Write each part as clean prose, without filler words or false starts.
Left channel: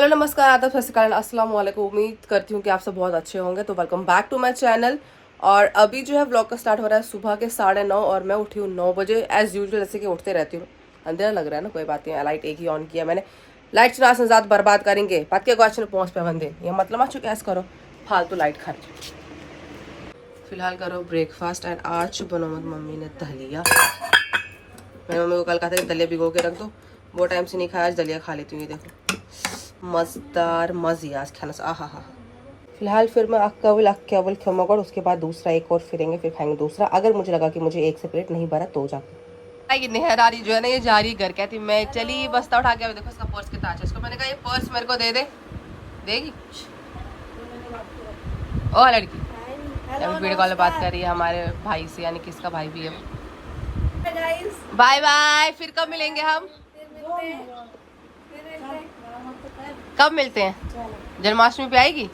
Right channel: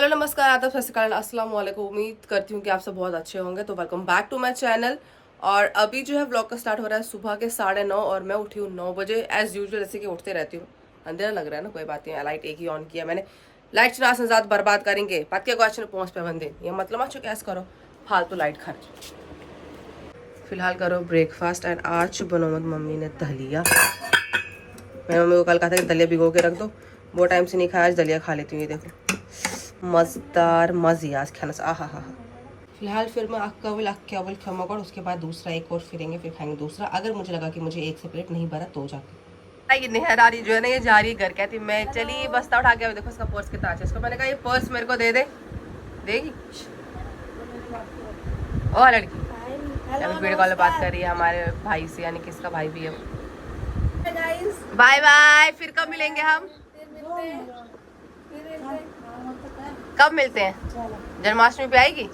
Hello नमस्कार आदाब सत श्री अकाल अस्सलाम वालेकुम। उम्मीद करती हूँ कि आप सब बहुत अच्छे होंगे। तो welcome back to my channel. और अभी जो है व्लॉग का स्टार्ट हो रहा है सुबह के 9:30 और मैं उठी हूँ 9 बजे एज यूजुअल, जैसे कि उठते रहती हूँ। अंधेरा लग रहा है ना, कोई बात नहीं, लाइट एक ही ऑन किया मैंने। लाइट चला से ज़्यादा बर्बाद करेंगे पत के क्वेश्चन पहुँच पे बंदे, ये मतलब अच्छो कैसे करो फालतू लाइट खर्च। फिलहाल करो ब्रेकफास्ट एंड आज बनोमत मम्मी ने दलिया। मैं मम्मी को कल कहा था कि दलिया भिगो के रख दो, वो टाइम से नहीं खाया, आज दलिया खा लेती हूँ। ये देखो मज़ेदार मज़े आज खाना से आहा हा। फिलहाल फिर मैं अक्कावल खमोगड़, उसके बाद दूसरा एक और फिरेंगे, फिर खाएंगे दूसरा। अगर मुझे लगा कि मुझे एक से प्लेट नहीं भरा तो जाके ये नेहरारी जो है ना, ये जा रही घर, कहती मैं चली बस्ता उठा के, देखो इसका पर्स कितना अच्छा है। इसको मैंने कहा ये पर्स मेरे को दे दे, देगी। और लड़की वीडियो कॉल बात कर रही है हमारे भाई से, यानी किसका भाई भी है। बाय बाय, फिर कब मिलेंगे हम? कब मिलते हैं? जन्माष्टमी पे आएगी,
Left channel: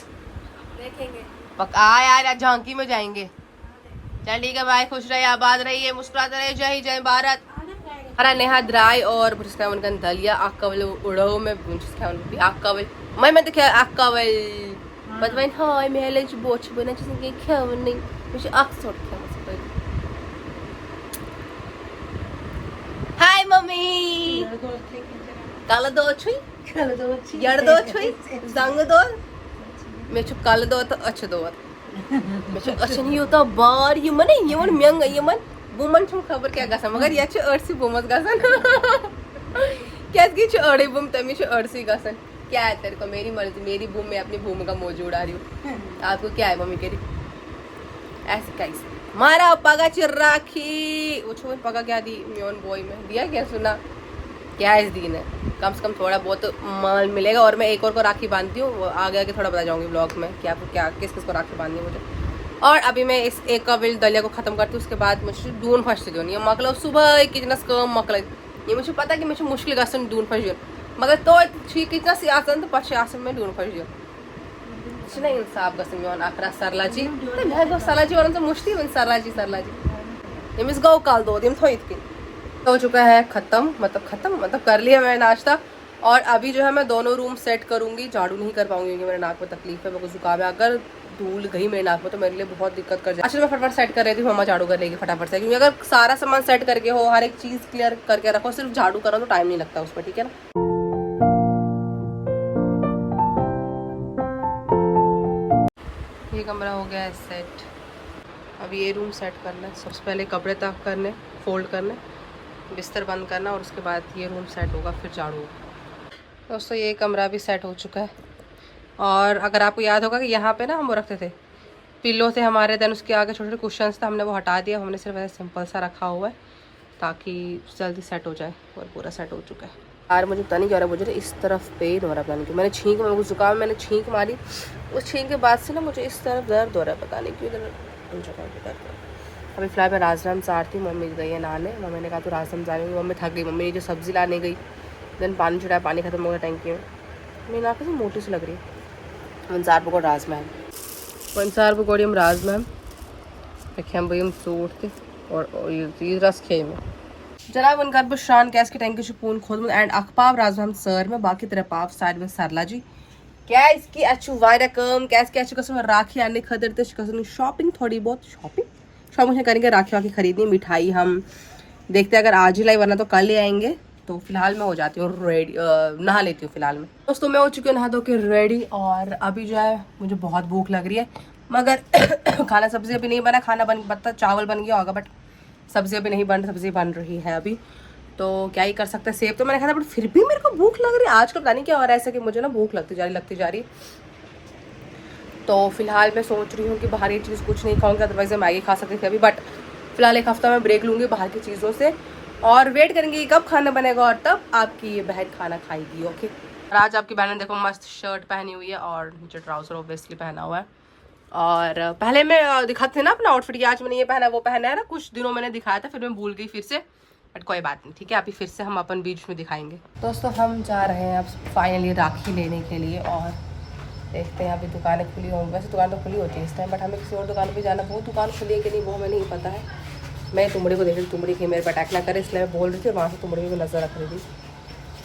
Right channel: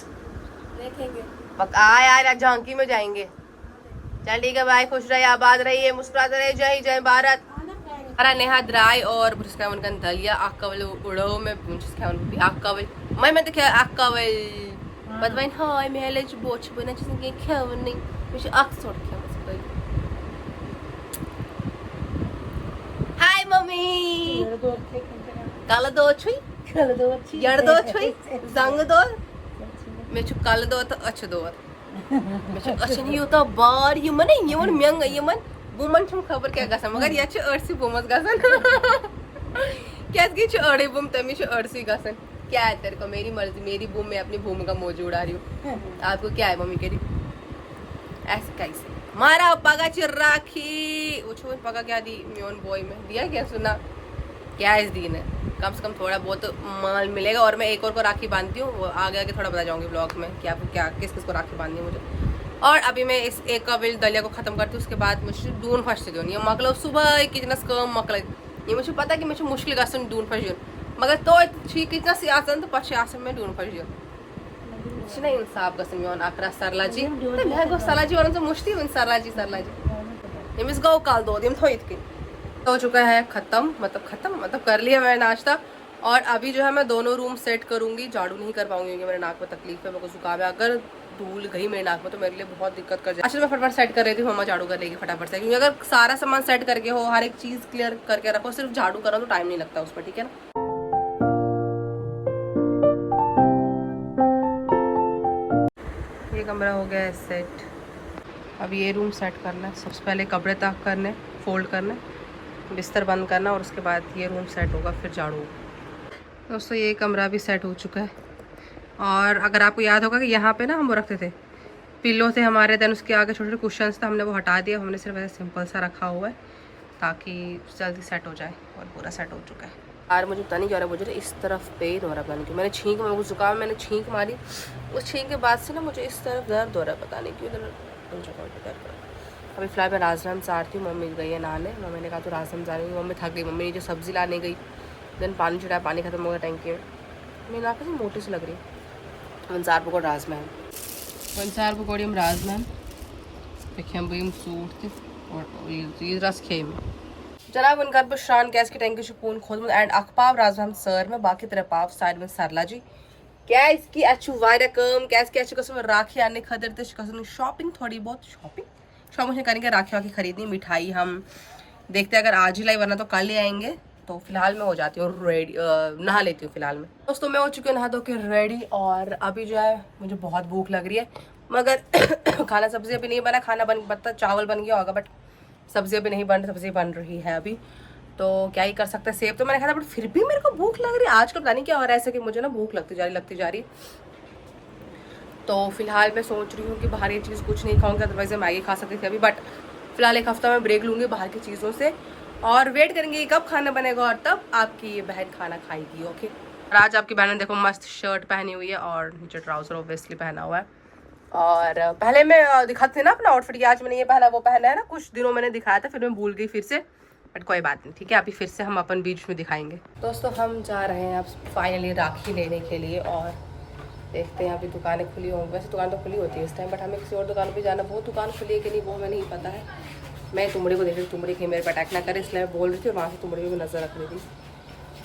देखेंगे। यार झांकी में जाएंगे। चल ठीक है, भाई खुश रहे, आबाद रहिए, मुस्कुराते रहिए, जय जय भारत। हमारा नेहा द्राय और बुझका उनका दलिया अक्कावल उड़ो में बुझका उन भी अक्कावल मैं देखे अक्कावल बदवाइन हाय मेलेज बोच बना जिसने खेवनी मुझे अक्स छोड़ के हाय मम्मी काला दो छुई यार दो छुई जंग दो मैं छु काला दो तो अच्छा दो मैं छु अच्छा नहीं होता बार ये मन म्यंग ये मन बुमन छु खबर क्या गसन मगर ये छु अर्सी बुमस गसन क्या की छु अड़े बुम तमी छु अर्सी गसन। क्या है तेरे को, मेरी मर्जी, मेरी बूम में अपनी बूम का मौज उड़ा रही हूँ। आपको क्या है मम्मी कह रही ऐसे कैसे मारा पगा चिर्राखी वो छोड़ पगा क्या दी म्योन बॉय में दिया क्या सुना क्या इस दिन है। कम से कम थोड़ा बहुत माल मिलेगा। और मैं एक और को राखी बांधती हूँ, वो आगे आगे थोड़ा बता जाऊंगी ब्लॉग में कि आपको क्या किस किस को राखी बांधनी है मुझे। और अभी मैं इस एक का बिल दलिया को खत्म करती हूँ, उसके बाद मुझे दून फंसते दून ये मकल सुबह कितना कम मकल ये मुझे पता है कि मुझे मुश्किल गसन दून फंस मगर तो ठीक इतना सियासन तो पछे आसन में दून फंस नहीं इंसाफ गसन योन आकरा सरलाजी सरलाजी वाला तो मुश्किल सरलाजी ये मिस गौ काल दो दिन थो इतनी हो चुका है खत्म मतलब कर लिया मैंने नाश्ता। और अभी जो है मैं दोनों रूम सेट करूंगी, झाड़ू नहीं कर पाऊंगी क्योंकि मेरे नाक में तकलीफ है, मेरे को जुकाम है। अगर धूल गई मेरे नाक में तो मेरे लिए बहुत दिक्कत कर जाए। अच्छा मैं फटाफट सेट कर रही थी, मम्मा झाड़ू कर लेगी फटाफट से, क्योंकि अगर सारा सामान सेट करके हो, हर एक चीज क्लियर करके रखो, सिर्फ झाड़ू करो तो टाइम नहीं लगता उस पर, ठीक है ना। ये कमरा हो गया है सेट। अब ये रूम सेट करना है, सबसे पहले कपड़े तक करने, फोल्ड करने, बिस्तर बंद करना और उसके बाद ये रूम सेट होगा, फिर झाड़ू। दोस्तों ये कमरा भी सेट हो चुका है। और अगर आपको याद होगा कि यहाँ पे ना हम वो रखते थे पिल्लो थे हमारे, देन उसके आगे छोटे छोटे कुशन्स थे, हमने वो हटा दिया, हमने सिर्फ ऐसे सिंपल सा रखा हुआ है ताकि जल्दी सेट हो जाए। और पूरा सेट हो चुका है। यार मुझे पता नहीं क्या रहा, मुझे इस तरफ पेन हो रहा है, पता नहीं क्यों। मैंने छींक मेरे को जुकाम, मैंने छींक मारी, उस छींक के बाद से ना मुझे इस तरफ दर्द हो रहा है, पता नहीं क्यों इधर। अभी फिलहाल मैं राजनाम चाहती हूँ, मम्मी गई है नहाने। मम्मी ने कहा तो राजनाम जाने, मम्मी थक गई, मम्मी ने जो सब्जी लाने गई, देन पानी चढ़ाया, पानी खत्म हो गया टैंकी में। मेरी नाक से मोटी सी लग रही है। वंसार पकौड़ राज मैम, वंसार पकौड़ी हम राज मैम देखिए हम भाई हम सूट थे और ये चीज़ रस खे में जनाब उनका बशान गैस की टैंकी छुपून खोद एंड अखपाव राज मैम सर में बाकी तरह पाव साइड में सरला जी क्या इसकी अच्छू वायरा कम कैस के अच्छी कसम राखी आने खदर ते कसम शॉपिंग थोड़ी बहुत शॉपिंग करेंगे, राखी वाखी खरीदनी, मिठाई हम देखते हैं अगर आज ही लाई वरना तो कल ही आएंगे। तो फिलहाल मैं हो जाती हूँ रेडी, नहा लेती हूँ फिलहाल में। दोस्तों मैं हो चुकी हूँ नहा धो के रेडी और अभी जो है मुझे बहुत भूख लग रही है, मगर खाना सब्जी अभी नहीं बना, खाना बन बता चावल बन गया होगा बट सब्जी अभी नहीं बन, सब्जी बन रही है अभी, तो क्या ही कर सकते हैं। सेब तो मैंने खाया था बट फिर भी मेरे को भूख लग रही है। आजकल पता नहीं क्या हो रहा है ऐसा कि मुझे ना भूख लगती जा रही। तो फिलहाल मैं सोच रही हूँ कि बाहर ये चीज़ कुछ नहीं खाऊंगी, अदरवाइज मैं मैगी खा सकती थी अभी, बट फिलहाल एक हफ्ता मैं ब्रेक लूँगी बाहर की चीज़ों से और वेट करेंगे कब खाना बनेगा और तब आपकी ये बहन खाना खाएगी। ओके, और आज आपकी बहन ने देखो मस्त शर्ट पहनी हुई है और नीचे ट्राउजर ऑब्वियसली पहना हुआ है। और पहले मैं दिखाती थी ना अपना आउटफिट, आज मैंने ये पहना वो पहना है ना, कुछ दिनों मैंने दिखाया था फिर मैं भूल गई फिर से, बट कोई बात नहीं, ठीक है अभी फिर से हम अपन बीच में दिखाएंगे। दोस्तों हम जा रहे हैं अब फाइनली राखी लेने के लिए और देखते हैं अभी दुकानें खुली होंगी। वैसे दुकान तो खुली होती है इस टाइम, बट हमें किसी और दुकान पे जाना, वो दुकान खुली है कि नहीं वो हमें नहीं पता है। मैं तुमड़ी को देख रही, तुमड़ी की मेरे पर अटैक ना करे इसलिए मैं बोल रही थी और वहाँ से तुमड़ी भी नजर रख रही थी।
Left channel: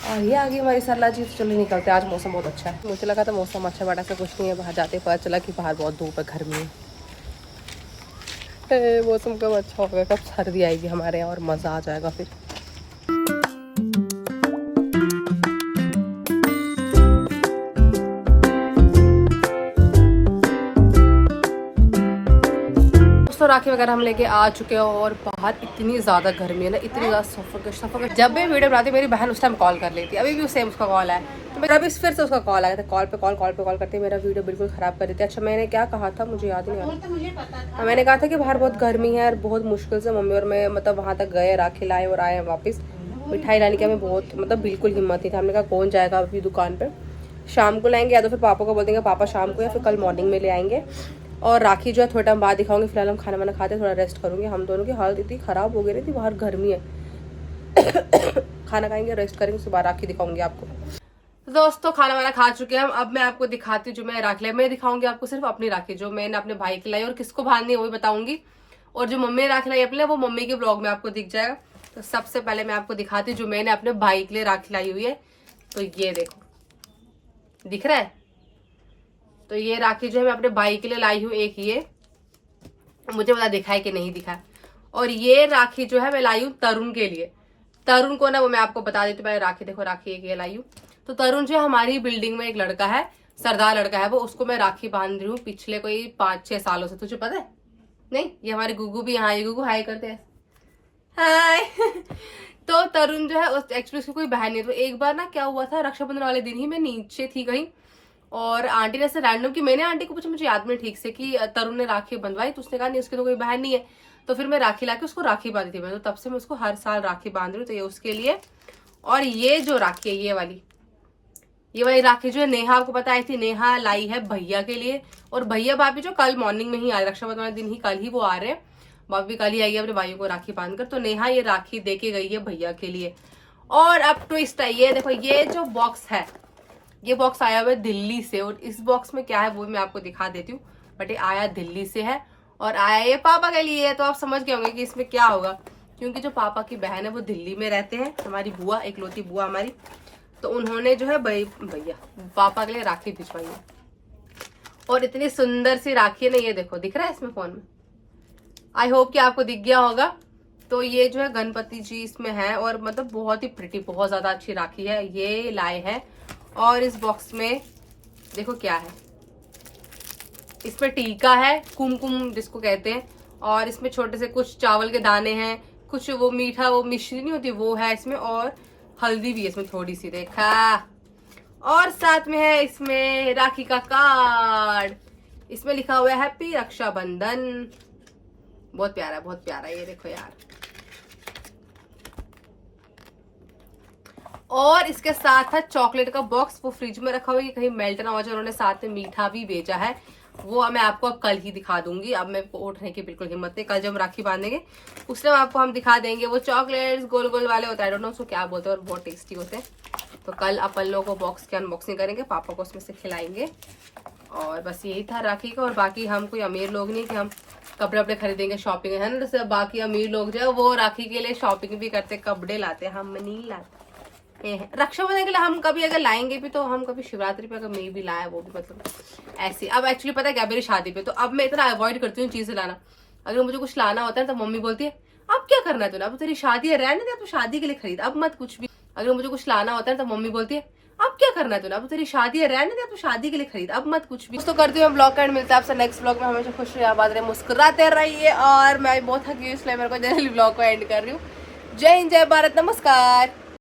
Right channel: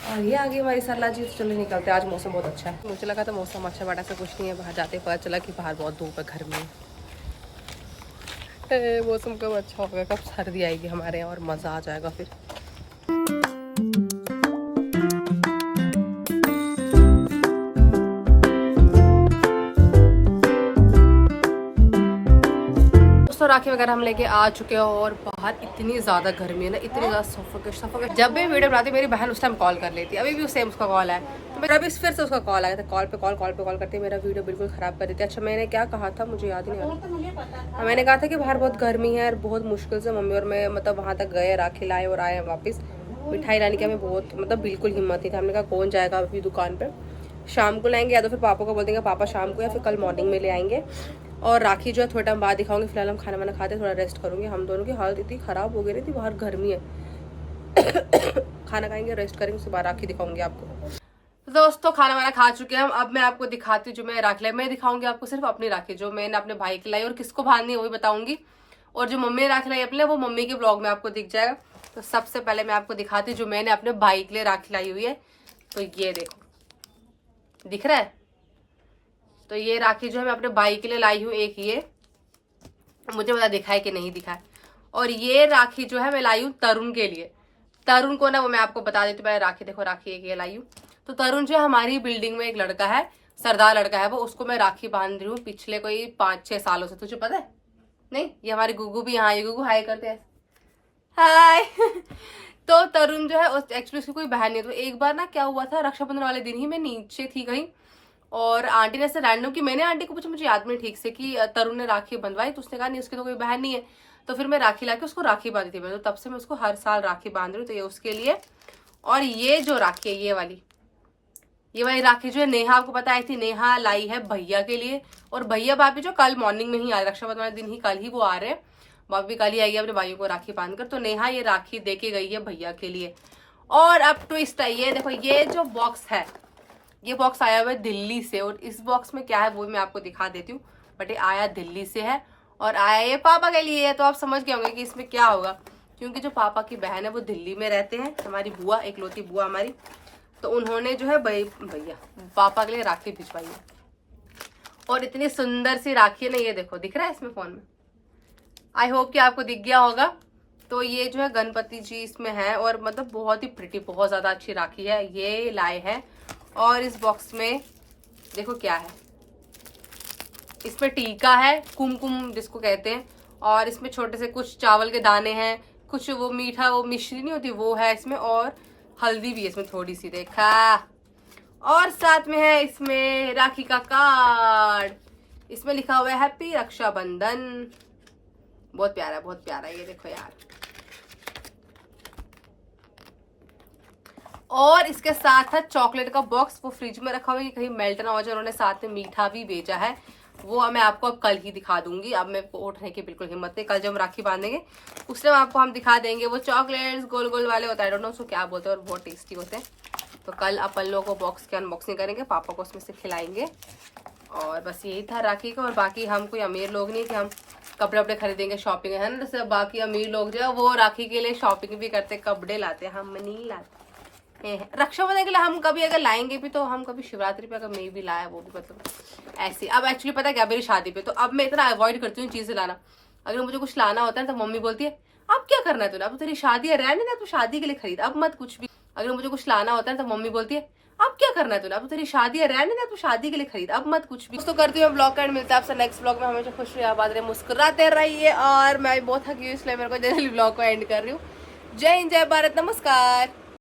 और ये आ गई हमारी सरला जी। तो चलो निकलते हैं, आज मौसम बहुत अच्छा है। मुझे लगा था मौसम अच्छा बड़ा सा कुछ नहीं है, बाहर जाते पता चला कि बाहर बहुत धूप है, गर्मी है। मौसम कब अच्छा होगा, कब सर्दी आएगी हमारे यहाँ और मज़ा आ जाएगा फिर। तो राखी वगैरह हम लेके आ चुके हैं और बाहर इतनी ज़्यादा गर्मी है ना, इतनी ज़्यादा सफोकेट। जब भी वीडियो बनाती मेरी बहन उस टाइम कॉल कर लेती है, अभी भी सेम उसका कॉल है, तो मेरा अभी फिर से उसका कॉल आया था। कॉल पे कॉल करते मेरा वीडियो बिल्कुल ख़राब कर देती है। अच्छा मैंने क्या कहा था मुझे याद नहीं आ रहा। मैंने कहा था कि बाहर बहुत गर्मी है और बहुत मुश्किल से मम्मी और मैं मतलब वहाँ तक गए, राखी लाए और आए वापस। मिठाई लाने की हमें बहुत मतलब बिल्कुल हिम्मत नहीं था। हमने कहा कौन जाएगा अभी दुकान पर, शाम को लाएंगे या तो फिर पापा को बोल देंगे पापा शाम को, या फिर कल मॉर्निंग में ले आएंगे। और राखी जो है थोड़ा टाइम बाद दिखाऊंगी। फिलहाल हम खाना वाना खाते थोड़ा रेस्ट करूंगी। हम दोनों की हालत इतनी ख़राब हो गई थी, बाहर गर्मी है। खाना खाएंगे, रेस्ट करेंगे, उसके बाद राखी दिखाऊंगी आपको। तो दोस्तों खाना वाना खा चुके हैं हम। अब मैं आपको दिखाती हूँ जो मैं राखी लाई। मैं दिखाऊंगी आपको सिर्फ अपनी राखी जो मैंने अपने भाई की लाई, और किसको बांधनी है वो भी बताऊंगी। और जो मम्मी ने राखी लाई अपने, वो मम्मी के ब्लॉग में आपको दिख जाएगा। तो सबसे पहले मैं आपको दिखाती हूँ जो मैंने अपने भाई के लिए राखी लाई हुई है। तो ये देखो, दिख रहा है। तो ये राखी जो है मैं अपने भाई के लिए लाई हूँ। एक ये मुझे पता दिखा है कि नहीं दिखा है। और ये राखी जो है मैं लाई हूँ तरुण के लिए। तरुण को ना वो मैं आपको बता देती हूँ। पहले राखी देखो, राखी एक ये लाई हूँ। तो तरुण जो है हमारी बिल्डिंग में एक लड़का है, सरदार लड़का है वो, उसको मैं राखी बांध रही हूँ पिछले कोई 5-6 सालों से। तुझे पता है? नहीं, ये हमारी गुगू भी यहाँ, ये गुगू हाय करते हैं, हाय। तो तरुण जो है एक्चुअली उसकी कोई बहन नहीं है। तो एक बार ना क्या हुआ था, रक्षाबंधन वाले दिन ही मैं नीचे थी कहीं, और आंटी ने ऐसे रैंडम की, मैंने आंटी को पूछा, मुझे याद नहीं ठीक से कि तरुण ने राखी बंधवाई, तो उसने कहा नहीं उसकी तो कोई बहन नहीं है। तो फिर मैं राखी लाके उसको राखी बांधी थी मैं, तो तब से मैं उसको हर साल राखी बांध रही हूँ। तो ये उसके लिए। और ये जो राखी है ये वाली राखी जो है नेहा, आपको पता आई थी, नेहा लाई है भैया के लिए। और भैया भाभी जो कल मॉर्निंग में ही आए, रक्षाबंधन वाले दिन ही, कल ही वो आ रहे हैं, भाभी कल ही आई है अपने भाइयों को राखी बांधकर। तो नेहा ये राखी दे के गई है भैया के लिए। और अब ट्विस्ट है, ये देखो, ये जो बॉक्स है, ये बॉक्स आया हुआ है दिल्ली से। और इस बॉक्स में क्या है वो मैं आपको दिखा देती हूँ, बट ये आया दिल्ली से है और आया ये पापा के लिए है। तो आप समझ गए होंगे कि इसमें क्या होगा, क्योंकि जो पापा की बहन है वो दिल्ली में रहते हैं, हमारी बुआ, इकलौती बुआ हमारी। तो उन्होंने जो है भैया पापा के लिए राखी भिजवाई है। और इतनी सुंदर सी राखी है ना, ये देखो, दिख रहा है इसमें फोन में, आई होप कि आपको दिख गया होगा। तो ये जो है गणपति जी इसमें है, और मतलब बहुत ही प्रिटी, बहुत ज्यादा अच्छी राखी है, ये लाए है। और इस बॉक्स में देखो क्या है, इसमें टीका है, कुमकुम जिसको कहते हैं, और इसमें छोटे से कुछ चावल के दाने हैं, कुछ वो मीठा, वो मिश्री नहीं होती वो है इसमें, और हल्दी भी है इसमें थोड़ी सी, देखा। और साथ में है इसमें राखी का कार्ड, इसमें लिखा हुआ है हैप्पी रक्षाबंधन। बहुत प्यारा, बहुत प्यारा, ये देखो यार। और इसके साथ है चॉकलेट का बॉक्स, वो फ्रिज में रखा हुआ है कि कहीं मेल्ट ना हो जाए। उन्होंने साथ में मीठा भी भेजा है, वो मैं आपको अब कल ही दिखा दूंगी। अब मैं उठने की बिल्कुल हिम्मत नहीं, कल जब हम राखी बांधेंगे उस टाइम आपको हम दिखा देंगे। वो चॉकलेट्स गोल गोल वाले होता है, आई डोंट नो उसको क्या बोलते हैं, और बहुत टेस्टी होते हैं। तो कल अपन लोगों को बॉक्स की अनबॉक्सिंग करेंगे, पापा को उसमें से खिलाएंगे। और बस यही था राखी का। और बाकी हम कोई अमीर लोग नहीं कि हम कपड़े वपड़े खरीदेंगे, शॉपिंग है ना, जैसे बाकी अमीर लोग जो है वो राखी के लिए शॉपिंग भी करते, कपड़े लाते, हम नहीं लाते। रक्षाबंधन के लिए हम कभी अगर लाएंगे भी तो हम कभी शिवरात्रि पे अगर मैं भी लाया, वो भी मतलब ऐसे। अब एक्चुअली पता है क्या, मेरी शादी पे तो अब मैं इतना अवॉइड करती हूँ चीजें लाना। अगर मुझे कुछ लाना होता है तो मम्मी बोलती है अब क्या करना है तूने, अब तेरी शादी है, रहने दे, तू शादी के लिए खरीद, अब मत कुछ भी। अगर मुझे कुछ लाना होता है तो मम्मी बोलती है अब क्या करना है तूने, अब तेरी शादी है, रहने दे, तू शादी के लिए खरीद, अब मत कुछ भी। तो करती हूँ ब्लॉग का एंड, मिलता है आपसे नेक्स्ट ब्लॉग में। हमेशा खुश रहिए, आबाद रहिए, मुस्कुराते रहिए। और मैं बहुत थकी हूँ इसलिए मेरे को ब्लॉग को एंड कर रही हूँ। जय हिंद, जय भारत, नमस्कार।